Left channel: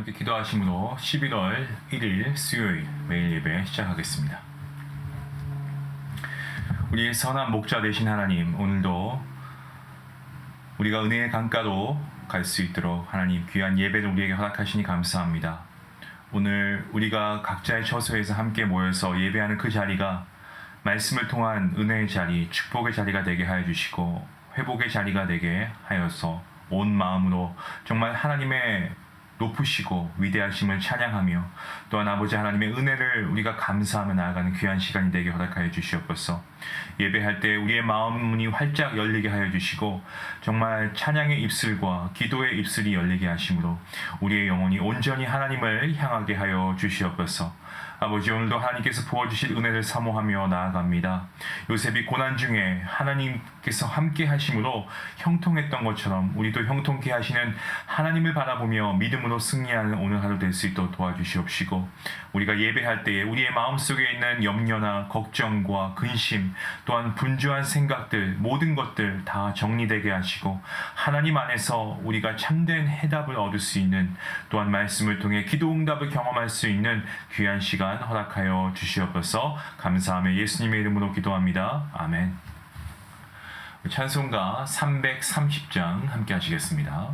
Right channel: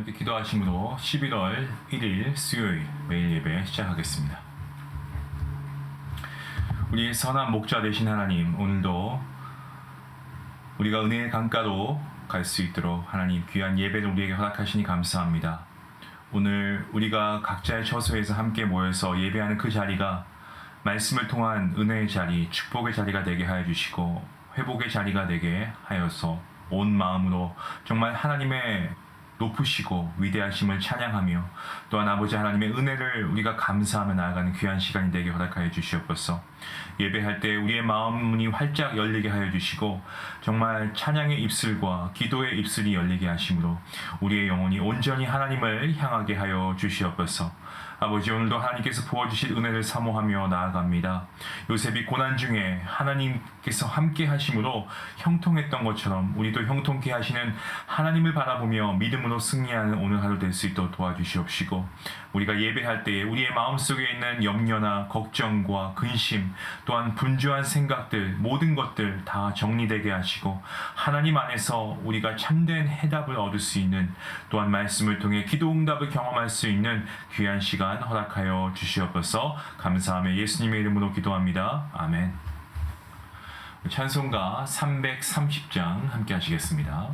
함께 기도하심으로 11월 1일 수요일 매일 예배 시작하겠습니다. 우리의 선한 목자 되신 하나님, 오늘도 우리가 은혜의 강가로 갈 수 있도록 하나님 귀한 예배를 우리에게 허락하시니 감사합니다. 오늘 우리가 각자의 처소에서 함께 모여서 예배하는 그 자리가 말씀을 통한 은혜의 자리, 축복의 자리가 되게 하여 주시고 회복의 자리가 되게 하여서 온 마음으로 정말 하나님의 높으시고 위대하심을 찬양하며 또한 아버지 하나님의 은혜를 우리가 감사하며 나아가는 귀한 시간이 되게 허락하여 주시옵소서. 예배할 때 우리의 마음 문이 활짝 열리게 하여 주시고 정말 찬양의 입술과 기도의 입술이 열리게 하심으로 우리의 영혼이 온전히 하나님을 향하게 하여 주시옵소서. 아버지, 오늘도 하나님께서 부어주실 은혜를 사모하며 나아갑니다. 요셉이 고난 중에 하나님께서 함께 하심으로 형통했던 것처럼 우리도 형통케 하시는 하나님을 바라보며 믿음으로 승리하는 오늘 하루 될 수 있도록 도와주시옵시고, 우리가 예배할 때에 우리의 마음속에 있는 염려나 걱정과 근심 또한 분주한 생각들, 모든 것들 다 정리되게 하시고 하나님 안에서 우리가 참된 해답을 얻을 수 있는, 또한 말씀을 통해 기도 응답을 경험할 수 있는 귀한 시간 허락하여 주시옵소서. 감사하며 예수님의 이름으로 기도합니다. 아멘. 찬송가 330장 함께 하시겠습니다.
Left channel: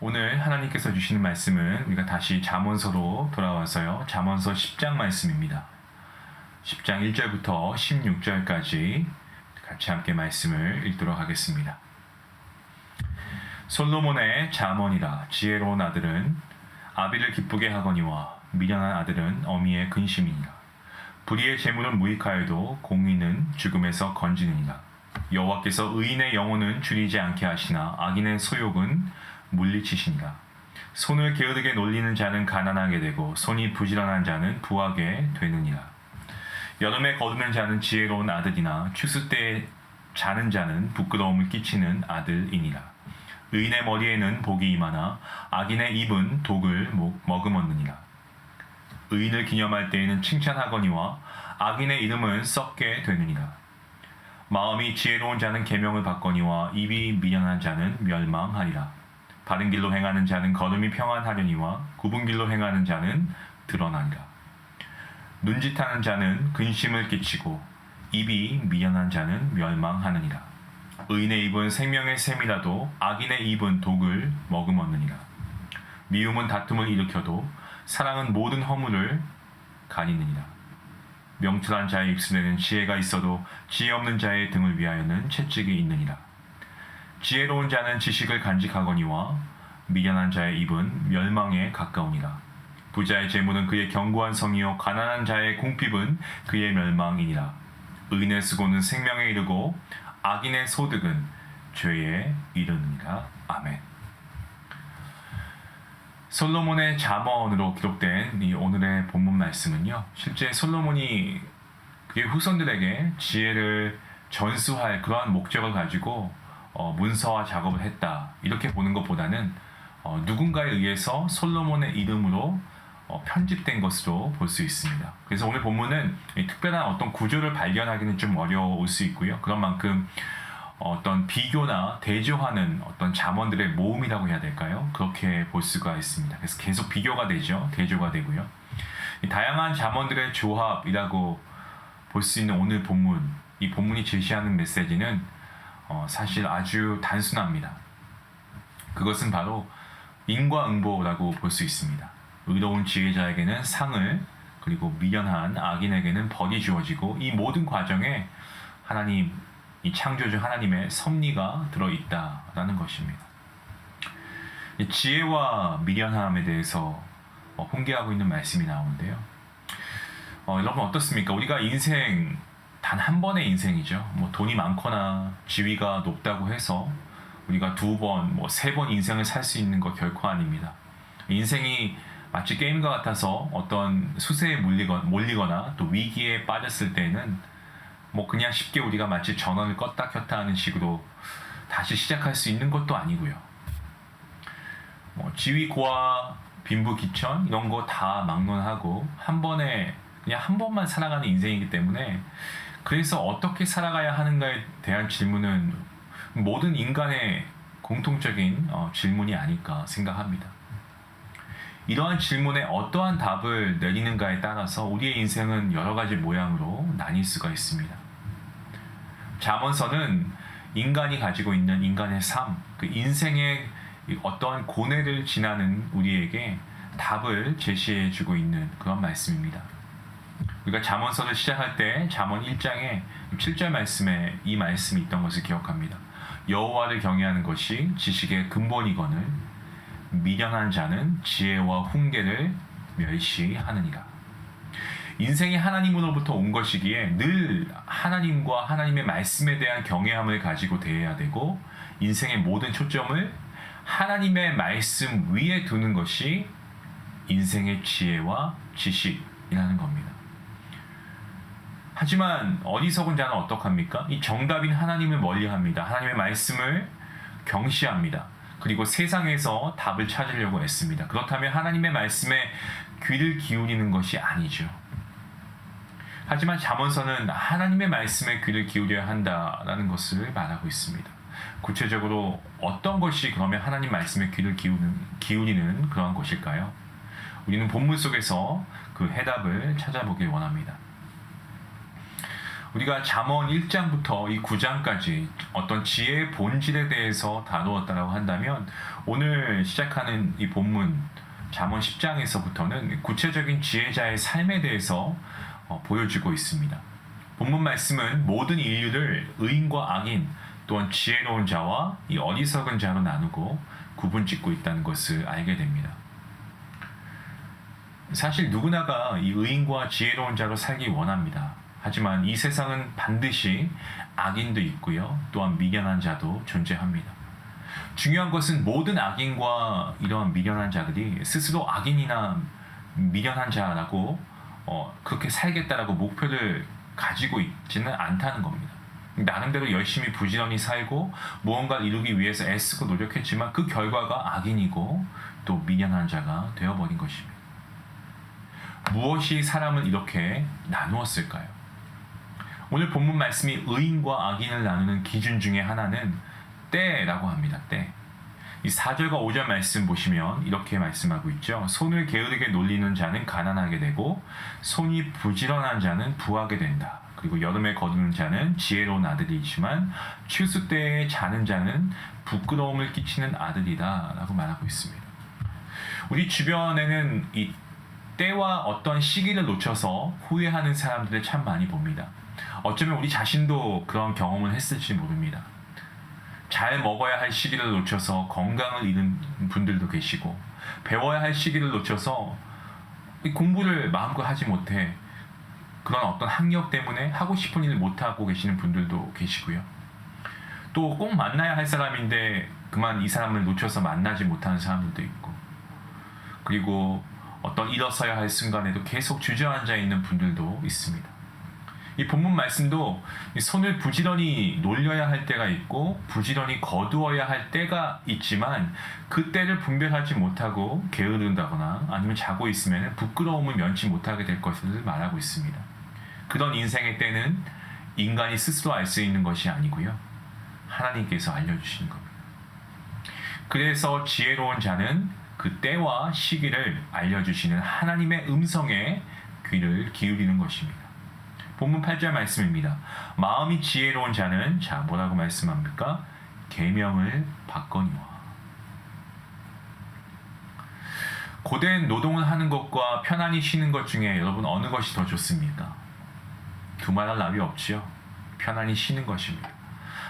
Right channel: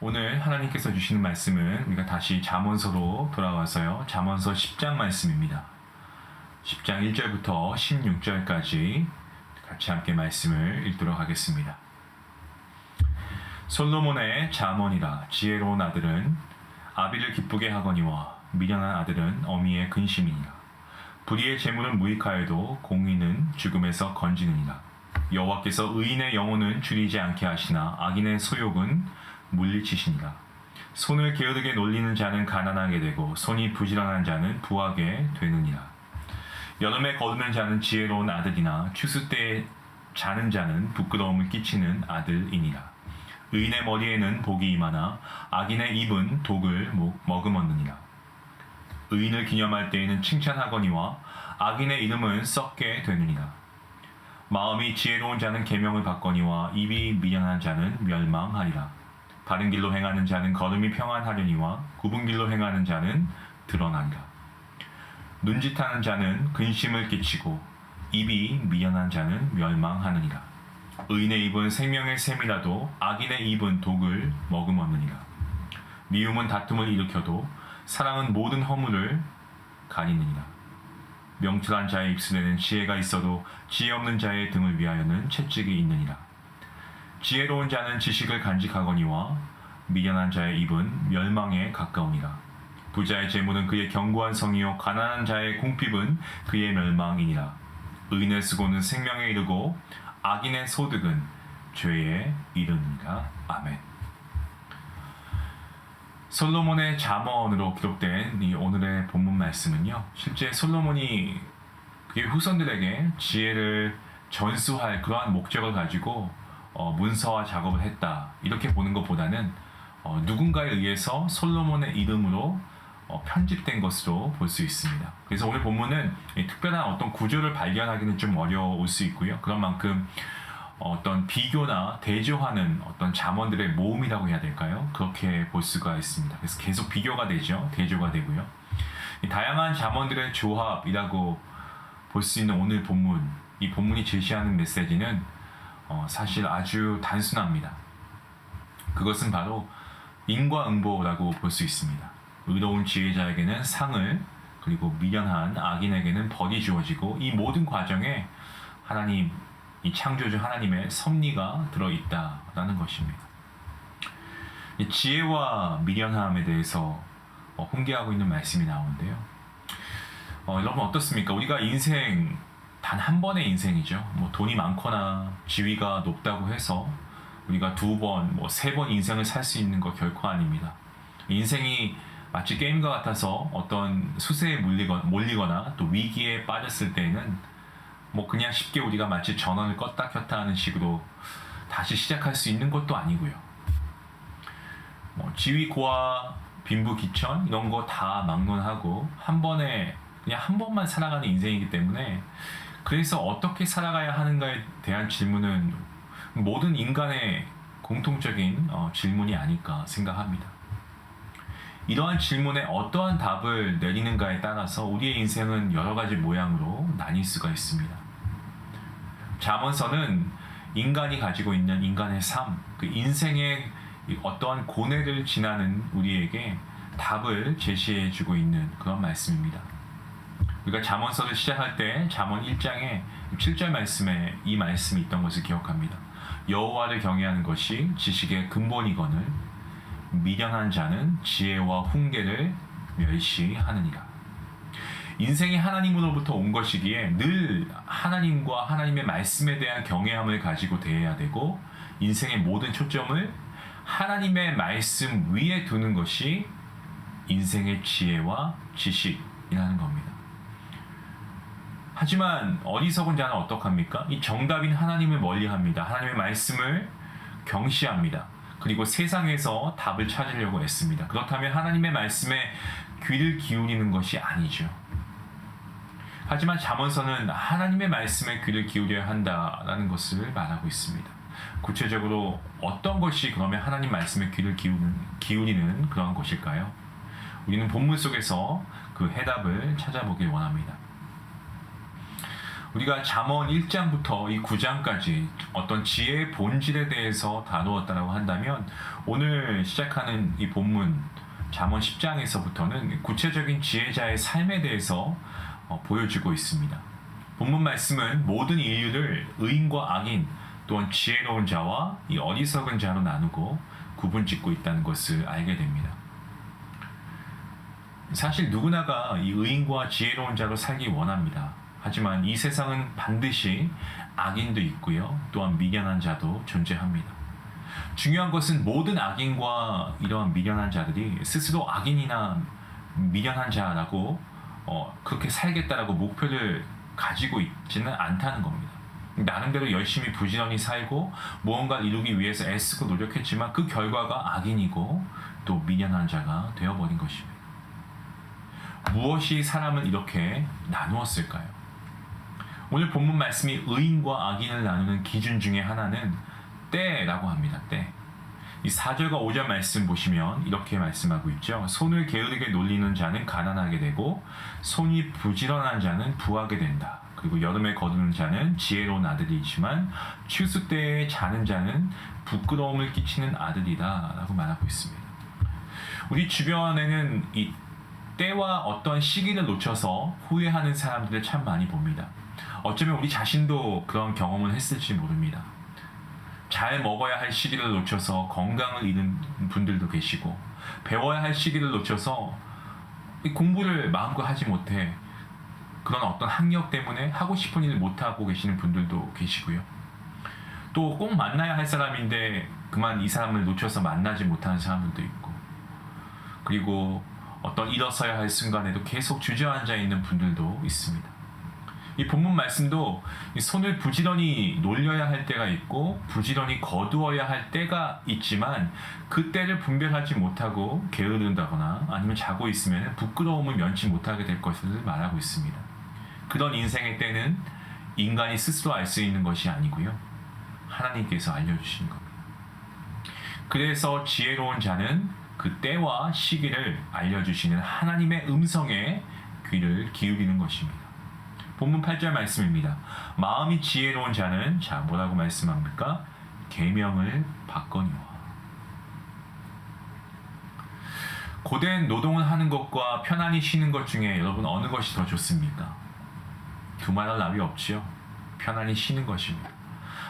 오늘 하나님께서 주시는 말씀은 우리가 다시 잠언서로 돌아와서요, 잠언서 10장 말씀입니다. 10장 1절부터 16절까지 같이 함께 말씀을 읽도록 하겠습니다. 솔로몬의 잠언이라. 지혜로운 아들은 아비를 기쁘게 하거니와 미련한 아들은 어미의 근심이니라. 불의의 재물은 무익하여도 공의는 죽음에서 건지느니라. 여호와께서 의인의 영혼은 줄이지 않게 하시나 악인의 소욕은 물리치시니라. 손을 게으르게 놀리는 자는 가난하게 되고 손이 부지런한 자는 부하게 되느니라. 여름에 거두는 자는 지혜로운 아들이나 추수 때에 자는 자는 부끄러움을 끼치는 아들이니라. 의인의 머리에는 복이 임하나 악인의 입은 독을 머금었느니라. 의인을 기념할 때에는 칭찬하거니와 악인의 이름은 썩게 되느니라. 마음이 지혜로운 자는 계명을 받거니와 입이 미련한 자는 멸망하리라. 바른 길로 행하는 자는 걸음이 평안하려니와 굽은 길로 행하는 자는 드러나리라. 눈짓하는 자는 근심을 끼치고 입이 미련한 자는 멸망하느니라. 의인의 입은 생명의 샘이라도 악인의 입은 독을 머금었느니라. 미움은 다툼을 일으켜도 사랑은 모든 허물을 가리느니라. 명철한 자의 입술에는 지혜가 있어도 지혜 없는 자의 등을 위하여는 채찍이 있느니라. 지혜로운 자는 지식을 간직하거니와 미련한 자의 입은 멸망에 가까우니라. 부자의 재물은 그의 견고한 성이요 가난한 자의 궁핍은 그의 멸망이니라. 의인의 수고는 생명에 이르고 악인의 소득은 죄에 이르느니라. 아멘. 솔로몬의 잠언으로 기록된 이 오늘의 본문 말씀은요, 실제 솔로몬이 그의 후손들에게 지혜를 전수할 그러한 목적을 가지고 문서화 작업을 했다, 이렇게 보는 것보다는 누군가에 의해서 솔로몬의 이름으로 편집된 것으로 볼 수 있습니다. 그래서 오늘 본문은 특별한 어떤 구조를 발견하기는 좀 어려울 수 있고요. 그런 만큼 어떤 비교나 대조하는 어떤 잠언들의 모음이라고 해야 될까요? 그렇게 볼 수가 있습니다. 그래서 계속 비교가 되죠. 대조가 되고요. 이 다양한 잠언들의 조합이라고 볼 수 있는 오늘 본문, 이 본문이 제시하는 메시지는 사실 아주 단순합니다. 그것은 바로 인과응보라고 볼 수 있습니다. 의로운 지혜자에게는 상을, 그리고 미련한 악인에게는 벌이 주어지고, 이 모든 과정에 하나님, 이 창조주 하나님의 섭리가 들어있다라는 것입니다. 이 지혜와 미련함에 대해서 훈계하고 있는 말씀이 나오는데요. 여러분 어떻습니까? 우리가 인생 단 한 번의 인생이죠. 뭐 돈이 많거나 지위가 높다고 해서 우리가 2번, 3번 인생을 살 수 있는 거 결코 아닙니다. 인생이 마치 게임과 같아서 어떤 수세에 몰리거나 또 위기에 빠졌을 때는 그냥 쉽게 우리가 마치 전원을 껐다 켰다 하는 식으로 다시 시작할 수 있는 것도 아니고요. 지위, 고하, 빈부, 기천 이런 거 다 막론하고 그냥 한 번만 살아가는 인생이기 때문에, 그래서 어떻게 살아가야 하는가에 대한 질문은 모든 인간의 공통적인 질문이 아닐까 생각합니다. 이러한 질문에 어떠한 답을 내리는가에 따라서 우리의 인생은 여러 가지 모양으로 나뉠 수가 있습니다. 잠언서는 인간이 가지고 있는 인간의 삶, 그 인생의 어떠한 고뇌를 지나는 우리에게 답을 제시해주고 있는 그런 말씀입니다. 우리가 잠언서를 시작할 때 잠언 1장에 7절 말씀에 이 말씀이 있던 것을 기억합니다. 여호와를 경외하는 것이 지식의 근본이거늘 미련한 자는 지혜와 훈계를 멸시하느니라. 인생이 하나님으로부터 온 것이기에 늘 하나님과 하나님의 말씀에 대한 경외함을 가지고 대해야 되고, 인생의 모든 초점을 하나님의 말씀 위에 두는 것이 인생의 지혜와 지식이라는 겁니다. 하지만 어리석은 자는 어떡합니까? 이 정답인 하나님을 멀리합니다. 하나님의 말씀을 경시합니다. 그리고 세상에서 답을 찾으려고 애씁니다. 그렇다면 하나님의 말씀에 귀를 기울이는 것이 아니죠. 하지만 잠언서는 하나님의 말씀에 귀를 기울여야 한다라는 것을 말하고 있습니다. 구체적으로 어떤 것이 그러면 하나님 말씀에 귀를 기울이는 그러한 것일까요? 우리는 본문 속에서 그 해답을 찾아보길 원합니다. 우리가 잠언 1장부터 이 9장까지 어떤 지혜의 본질에 대해서 다루었다고 한다면, 오늘 시작하는 이 본문 잠언 10장에서부터는 구체적인 지혜자의 삶에 대해서 보여주고 있습니다. 본문 말씀은 모든 인류를 의인과 악인, 또한 지혜로운 자와 이 어리석은 자로 나누고 구분짓고 있다는 것을 알게 됩니다. 사실 누구나가 이 의인과 지혜로운 자로 살기 원합니다. 하지만 이 세상은 반드시 악인도 있고요, 또한 미련한 자도 존재합니다. 중요한 것은 모든 악인과 이러한 미련한 자들이 스스로 악인이나 미련한 자라고 그렇게 살겠다라고 목표를 가지고 있지는 않다는 겁니다. 나름대로 열심히 부지런히 살고 무언가를 이루기 위해서 애쓰고 노력했지만 그 결과가 악인이고 또 미련한 자가 되어버린 것입니다. 무엇이 사람을 이렇게 나누었을까요? 오늘 본문 말씀이 의인과 악인을 나누는 기준 중에 하나는 때라고 합니다. 때. 이 4절과 5절 말씀 보시면 이렇게 말씀하고 있죠. 손을 게으르게 놀리는 자는 가난하게 되고 손이 부지런한 자는 부하게 된다 그리고 여름에 거두는 자는 지혜로운 아들이지만 추수 때에 자는 자는 부끄러움을 끼치는 아들이다 라고 말하고 있습니다. 우리 주변에는 이 때와 어떤 시기를 놓쳐서 후회하는 사람들을 참 많이 봅니다. 어쩌면 우리 자신도 그런 경험을 했을지 모릅니다. 잘 먹어야 할 시기를 놓쳐서 건강을 잃은 분들도 계시고, 배워야 할 시기를 놓쳐서 공부를 마음껏 하지 못해 그런 어떤 학력 때문에 하고 싶은 일을 못하고 계시는 분들도 계시고요. 또 꼭 만나야 할 사람인데 그만 이 사람을 놓쳐서 만나지 못하는 사람들도 있고, 그리고 어떤 일어서야 할 순간에도 계속 주저앉아 있는 분들도 있습니다. 이 본문 말씀도 손을 부지런히 놀려야 할 때가 있고 부지런히 거두어야 할 때가 있지만 그 때를 분별하지 못하고 게으른다거나 아니면 자고 있으면 부끄러움을 면치 못하게 될 것을 말하고 있습니다. 그런 인생의 때는 인간이 스스로 알 수 있는 것이 아니고요, 하나님께서 알려주시는 겁니다. 그래서 지혜로운 자는 그 때와 시기를 알려주시는 하나님의 음성에 귀를 기울이는 것입니다. 본문 8절 말씀입니다. 마음이 지혜로운 자는 자 뭐라고 말씀합니까? 계명을 받거니와. 고된 노동을 하는 것과 편안히 쉬는 것 중에 여러분 어느 것이 더 좋습니까? 두말할 나위 없지요. 편안히 쉬는 것입니다.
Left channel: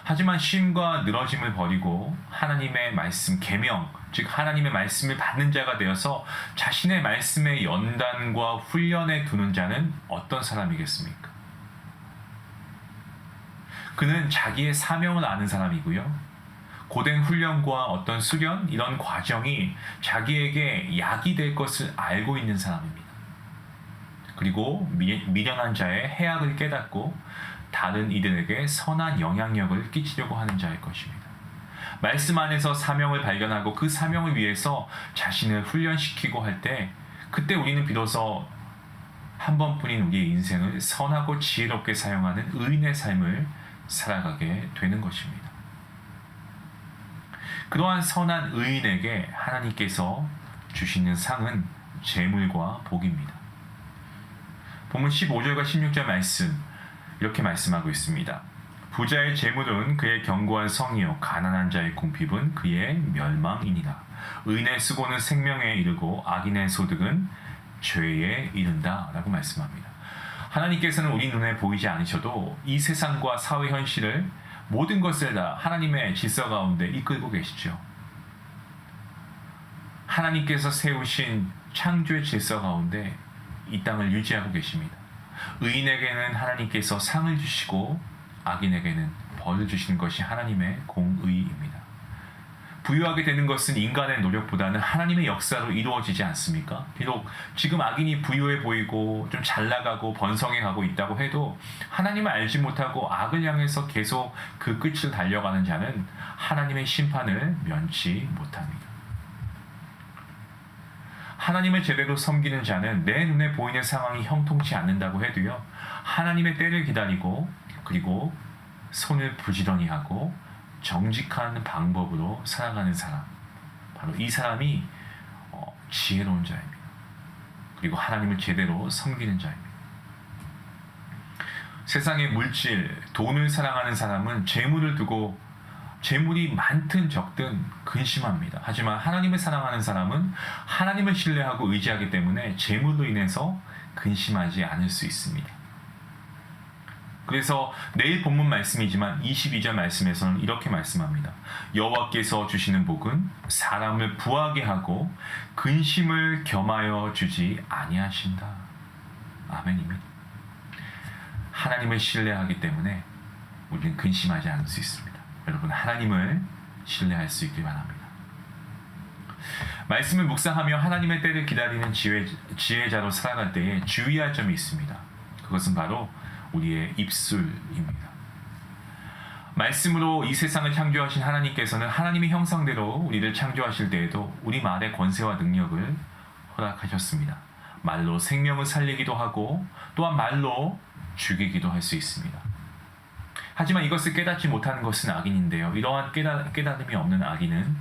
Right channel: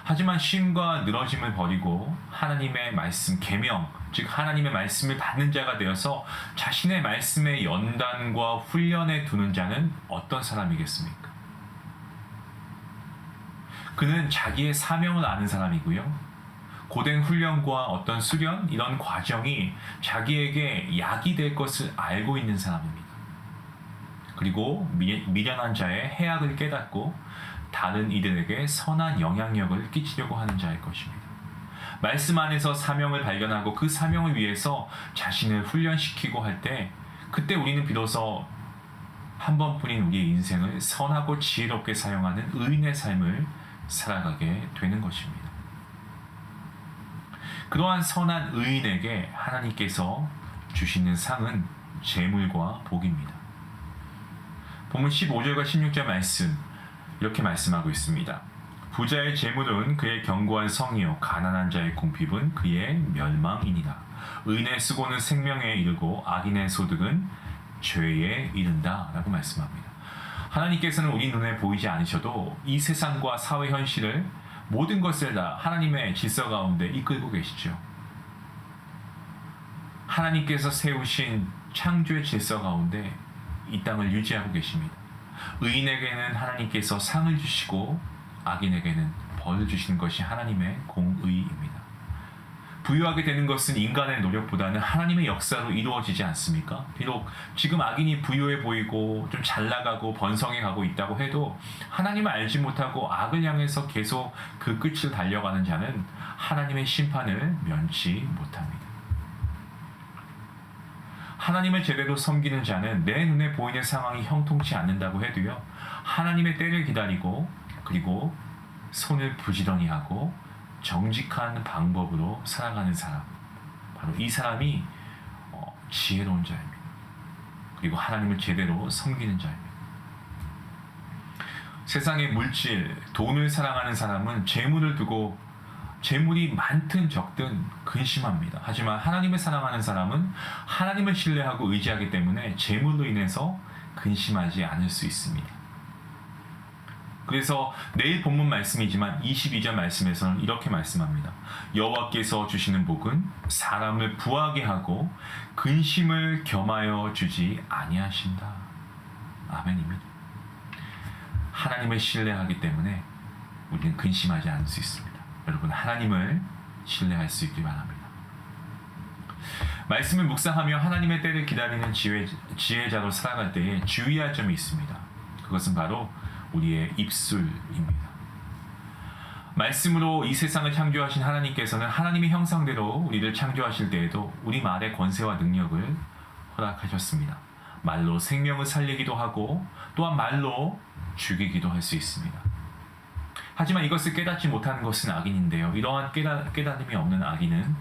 하지만 쉼과 늘어짐을 버리고 하나님의 말씀, 계명, 즉 하나님의 말씀을 받는 자가 되어서 자신의 말씀의 연단과 훈련에 두는 자는 어떤 사람이겠습니까? 그는 자기의 사명을 아는 사람이고요, 고된 훈련과 어떤 수련, 이런 과정이 자기에게 약이 될 것을 알고 있는 사람입니다. 그리고 미련한 자의 해악을 깨닫고 다른 이들에게 선한 영향력을 끼치려고 하는 자일 것입니다. 말씀 안에서 사명을 발견하고 그 사명을 위해서 자신을 훈련시키고 할 때, 그때 우리는 비로소 한 번뿐인 우리의 인생을 선하고 지혜롭게 사용하는 의인의 삶을 살아가게 되는 것입니다. 그러한 선한 의인에게 하나님께서 주시는 상은 재물과 복입니다. 본문 15절과 16절 말씀 이렇게 말씀하고 있습니다. 부자의 재물은 그의 견고한 성이요 가난한 자의 궁핍은 그의 멸망이니라. 의인의 수고는 생명에 이르고 악인의 소득은 죄에 이른다 라고 말씀합니다. 하나님께서는 우리 눈에 보이지 않으셔도 이 세상과 사회 현실을, 모든 것을 다 하나님의 질서 가운데 이끌고 계시죠. 하나님께서 세우신 창조의 질서 가운데 이 땅을 유지하고 계십니다. 의인에게는 하나님께서 상을 주시고 악인에게는 벌을 주시는 것이 하나님의 공의입니다. 부유하게 되는 것은 인간의 노력보다는 하나님의 역사로 이루어지지 않습니까? 비록 지금 악인이 부유해 보이고 좀 잘 나가고 번성해 가고 있다고 해도 하나님을 알지 못하고 악을 향해서 계속 그 끝을 달려가는 자는 하나님의 심판을 면치 못합니다. 하나님을 제대로 섬기는 자는 내 눈에 보이는 상황이 형통치 않는다고 해도요, 하나님의 때를 기다리고 그리고 손을 부지런히 하고 정직한 방법으로 살아가는 사람, 바로 이 사람이 지혜로운 자입니다. 그리고 하나님을 제대로 섬기는 자입니다. 세상의 물질, 돈을 사랑하는 사람은 재물을 두고 재물이 많든 적든 근심합니다. 하지만 하나님을 사랑하는 사람은 하나님을 신뢰하고 의지하기 때문에 재물로 인해서 근심하지 않을 수 있습니다. 그래서 내일 본문 말씀이지만 22절 말씀에서는 이렇게 말씀합니다. 여호와께서 주시는 복은 사람을 부하게 하고 근심을 겸하여 주지 아니하신다. 아멘입니다. 하나님을 신뢰하기 때문에 우리는 근심하지 않을 수 있습니다. 여러분, 하나님을 신뢰할 수 있길 바랍니다. 말씀을 묵상하며 하나님의 때를 기다리는 지혜자로 살아갈 때에 주의할 점이 있습니다. 그것은 바로 우리의 입술입니다. 말씀으로 이 세상을 창조하신 하나님께서는 하나님의 형상대로 우리를 창조하실 때에도 우리 말의 권세와 능력을 허락하셨습니다. 말로 생명을 살리기도 하고 또한 말로 죽이기도 할 수 있습니다. 하지만 이것을 깨닫지 못하는 것은 악인인데요, 이러한 깨달음이 없는 악인은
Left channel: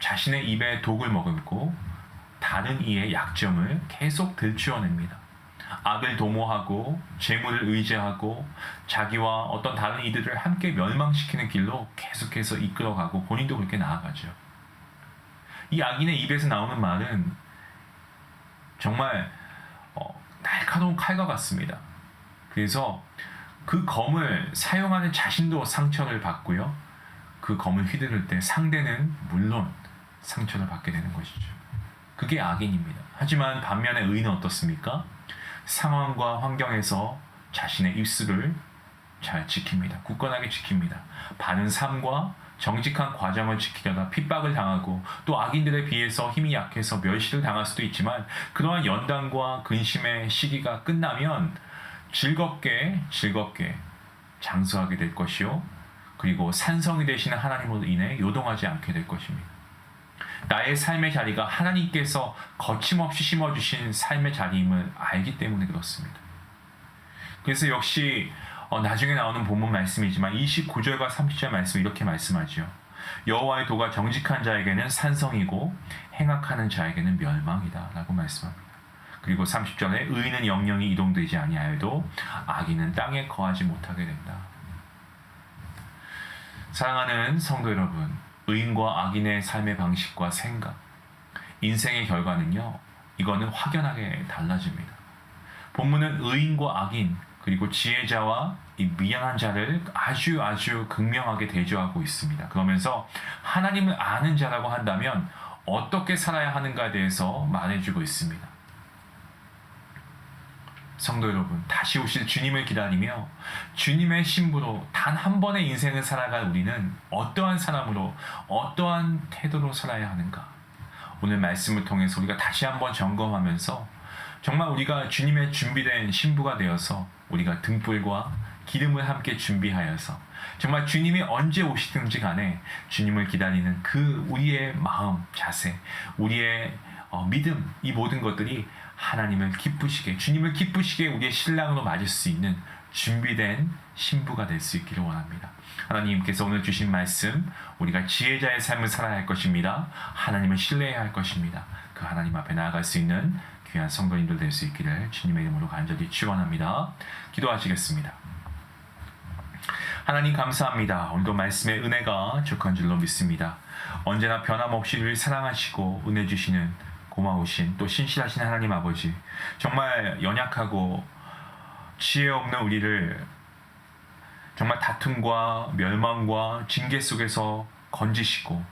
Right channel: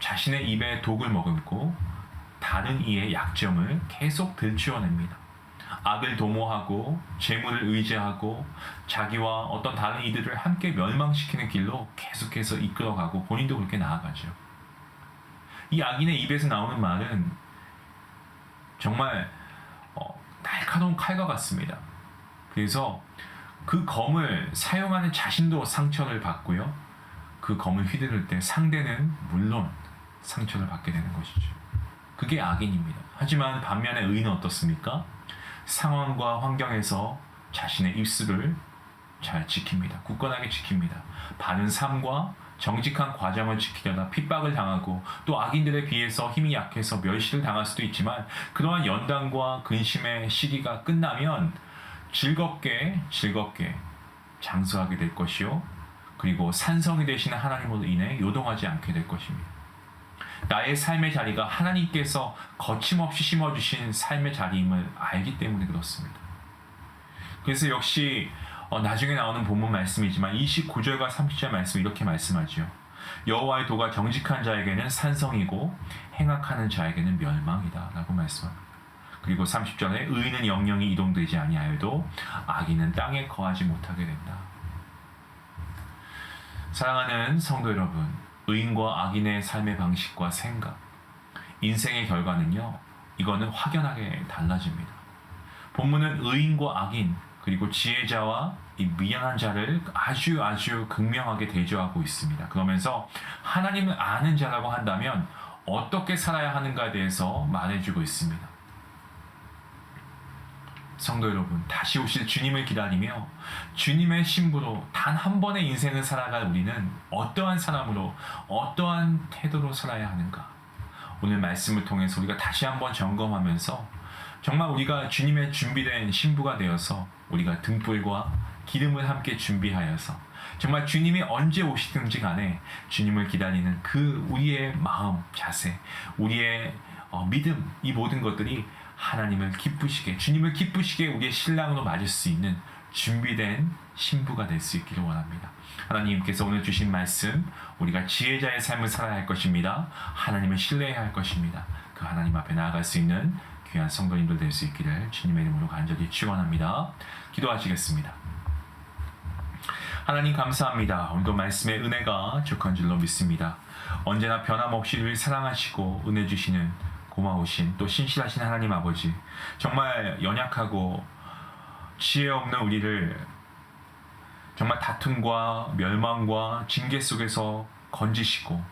자신의 입에 독을 머금고 다른 이의 약점을 계속 들추어냅니다. 악을 도모하고 재물을 의지하고 자기와 어떤 다른 이들을 함께 멸망시키는 길로 계속해서 이끌어가고 본인도 그렇게 나아가죠. 이 악인의 입에서 나오는 말은 정말 날카로운 칼과 같습니다. 그래서 그 검을 사용하는 자신도 상처를 받고요. 그 검을 휘두를 때 상대는 물론 상처를 받게 되는 것이죠. 그게 악인입니다. 하지만 반면에 의인은 어떻습니까? 상황과 환경에서 자신의 입술을 잘 지킵니다. 굳건하게 지킵니다. 바른 삶과 정직한 과정을 지키려다 핍박을 당하고 또 악인들에 비해서 힘이 약해서 멸시를 당할 수도 있지만 그러한 연단과 근심의 시기가 끝나면 즐겁게 장수하게 될 것이요. 그리고 산성이 되시는 하나님으로 인해 요동하지 않게 될 것입니다. 나의 삶의 자리가 하나님께서 거침없이 심어주신 삶의 자리임을 알기 때문에 그렇습니다. 그래서 역시 나중에 나오는 본문 말씀이지만 29절과 30절 말씀 이렇게 말씀하죠. 여호와의 도가 정직한 자에게는 산성이고 행악하는 자에게는 멸망이다 라고 말씀합니다. 그리고 30절에 의인은 영영이 이동되지 아니하여도 악인은 땅에 거하지 못하게 된다. 사랑하는 성도 여러분, 의인과 악인의 삶의 방식과 생각, 인생의 결과는요, 이거는 확연하게 달라집니다. 본문은 의인과 악인, 그리고 지혜자와 이 미련한 자를 아주 극명하게 대조하고 있습니다. 그러면서 하나님을 아는 자라고 한다면 어떻게 살아야 하는가에 대해서 말해주고 있습니다. 성도 여러분, 다시 오실 주님을 기다리며 주님의 신부로 단 한 번의 인생을 살아갈 우리는 어떠한 사람으로 어떠한 태도로 살아야 하는가? 오늘 말씀을 통해서 우리가 다시 한번 점검하면서 정말 우리가 주님의 준비된 신부가 되어서 우리가 등불과 기름을 함께 준비하여서 정말 주님이 언제 오시든지 간에 주님을 기다리는 그 우리의 마음, 자세, 우리의 믿음, 이 모든 것들이 하나님을 기쁘시게, 주님을 기쁘시게 우리의 신랑으로 맞을 수 있는 준비된 신부가 될 수 있기를 원합니다. 하나님께서 오늘 주신 말씀, 우리가 지혜자의 삶을 살아야 할 것입니다. 하나님을 신뢰해야 할 것입니다. 그 하나님 앞에 나아갈 수 있는 귀한 성도님들 될 수 있기를 주님의 이름으로 간절히 축원합니다. 기도하시겠습니다. 하나님 감사합니다. 오늘도 말씀의 은혜가 족한 줄로 믿습니다. 언제나 변함없이 우리를 사랑하시고 은혜 주시는 고마우신 또 신실하신 하나님 아버지, 정말 연약하고 지혜 없는 우리를 정말 다툼과 멸망과 징계 속에서 건지시고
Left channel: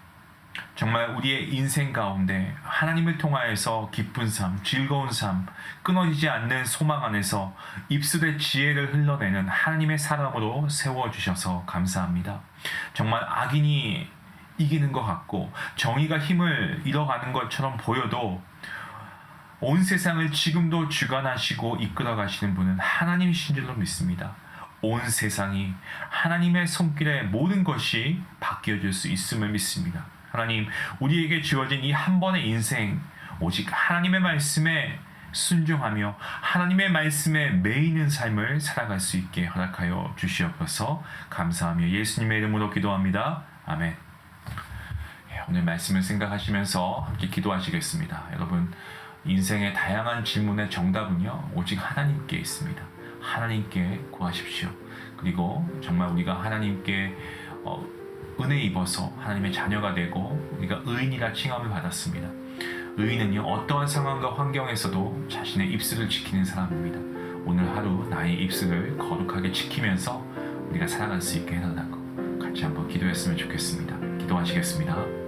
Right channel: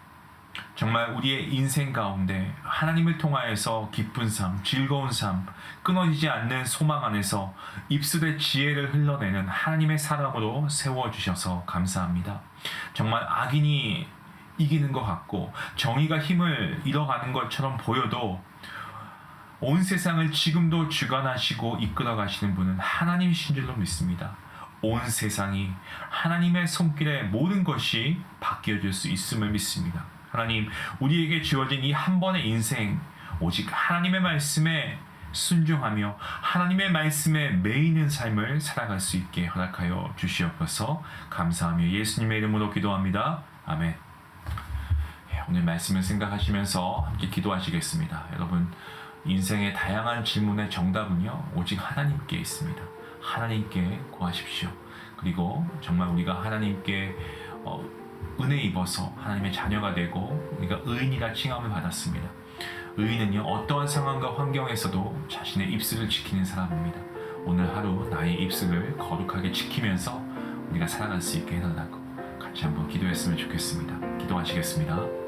정말 우리의 인생 가운데 하나님을 통하여서 기쁜 삶, 즐거운 삶, 끊어지지 않는 소망 안에서 입술의 지혜를 흘러내는 하나님의 사람으로 세워주셔서 감사합니다. 정말 악인이 이기는 것 같고 정의가 힘을 잃어가는 것처럼 보여도 온 세상을 지금도 주관하시고 이끌어 가시는 분은 하나님이신 줄로 믿습니다. 온 세상이 하나님의 손길에 모든 것이 바뀌어질 수 있음을 믿습니다. 하나님, 우리에게 주어진 이 한 번의 인생, 오직 하나님의 말씀에 순종하며 하나님의 말씀에 매이는 삶을 살아갈 수 있게 허락하여 주시옵소서. 감사하며 예수님의 이름으로 기도합니다. 아멘. 오늘 말씀을 생각하시면서 함께 기도하시겠습니다. 여러분, 인생의 다양한 질문의 정답은요, 오직 하나님께 있습니다. 하나님께 구하십시오. 그리고 정말 우리가 하나님께 은혜 입어서 하나님의 자녀가 되고 우리가 의인이라 칭함을 받았습니다. 의인은요, 어떠한 상황과 환경에서도 자신의 입술을 지키는 사람입니다. 오늘 하루 나의 입술을 거룩하게 지키면서 우리가 살아갈 수 있게 해달라고 같이 한번 기도했으면 좋겠습니다. 기도하시겠습니다.